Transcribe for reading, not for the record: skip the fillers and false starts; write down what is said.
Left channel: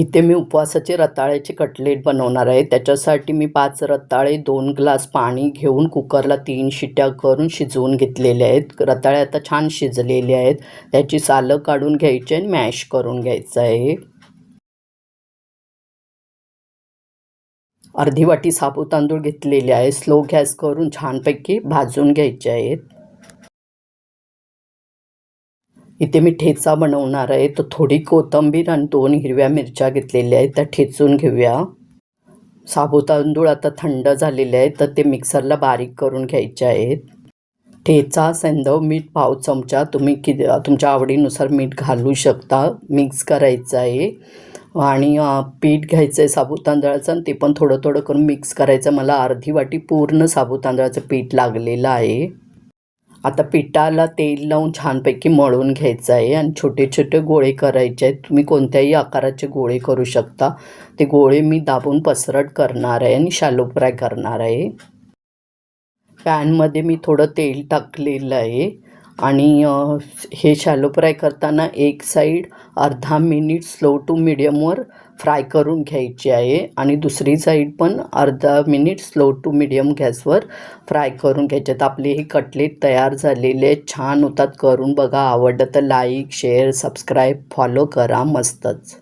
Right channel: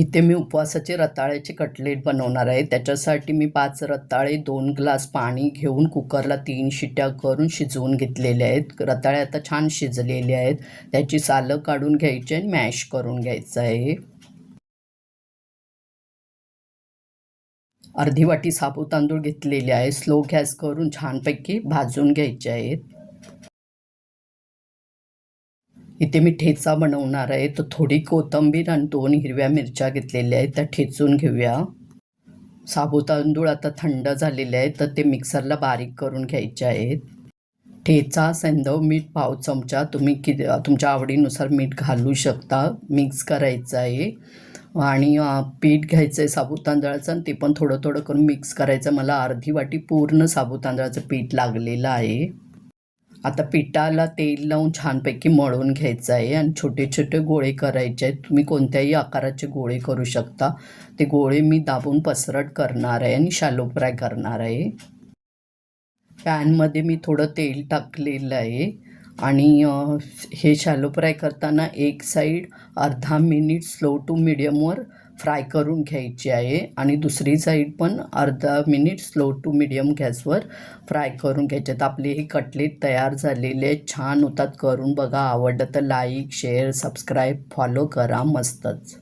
इथे मी उपवासाचे रताळ्याचे कटलेट बनवणार आहे. त्याच्यासाठी मी 5 रताळे, 2 ग्लास पाणी घेऊन कुकरला 3 शिट्ट्या करून शिजवून घेतलेले आहेत. रताळे आता छान शिजलेले आहेत. त्याची सालं काढून घ्यायची आणि मॅश करून घ्यायचं आहे. अर्धी वाटी साबुत तांदूळ घेतलेले आहे. स्लो गॅस करून छानपैकी भाजून घ्यायचे आहेत. इथे मी ठेचा बनवणार आहे. तर थोडी कोथिंबीर आणि 2 हिरव्या मिरच्या घेतलेल्या आहेत, त्या ठेचून घेऊया. साबुत तांदूळ आता थंड झालेले आहेत, तर ते मिक्सरला बारीक करून घ्यायचे आहेत. ठेचा, सैंधव मीठ पाव चमचा, तुम्ही तुमच्या आवडीनुसार मीठ घालू शकता. मिक्स करायचं आहे आणि पीठ घ्यायचं आहे साबुत तांदळाचं आणि ते पण थोडं थोडं करून मिक्स करायचं. मला अर्धी वाटी पूर्ण साबुत तांदळाचं पीठ लागलेलं आहे. आता पिठाला तेल लावून छानपैकी मळून घ्यायचं आहे आणि छोटे छोटे गोळे करायचे आहेत. तुम्ही कोणत्याही आकाराचे गोळे करू शकता. ते गोळे मी दाबून पसरट करणार आहे आणि शॅलो फ्राय करणार आहे. पॅनमध्ये मी थोडं तेल टाकलेलं आहे आणि हे शॅलो फ्राय करताना एक साईड अर्धा मिनिट स्लो टू मीडियमवर फ्राय करून घ्यायची आहे आणि दुसरी साईड पण अर्धा मिनिट स्लो टू मीडियम गॅसवर फ्राय करून घ्यायचे आहेत. आपले हे कटलेट तयार झालेले आहेत. छान होतात. करून बघा. आवडलं तर लाईक, शेअर, सबस्क्राईब, फॉलो करा. मस्तच.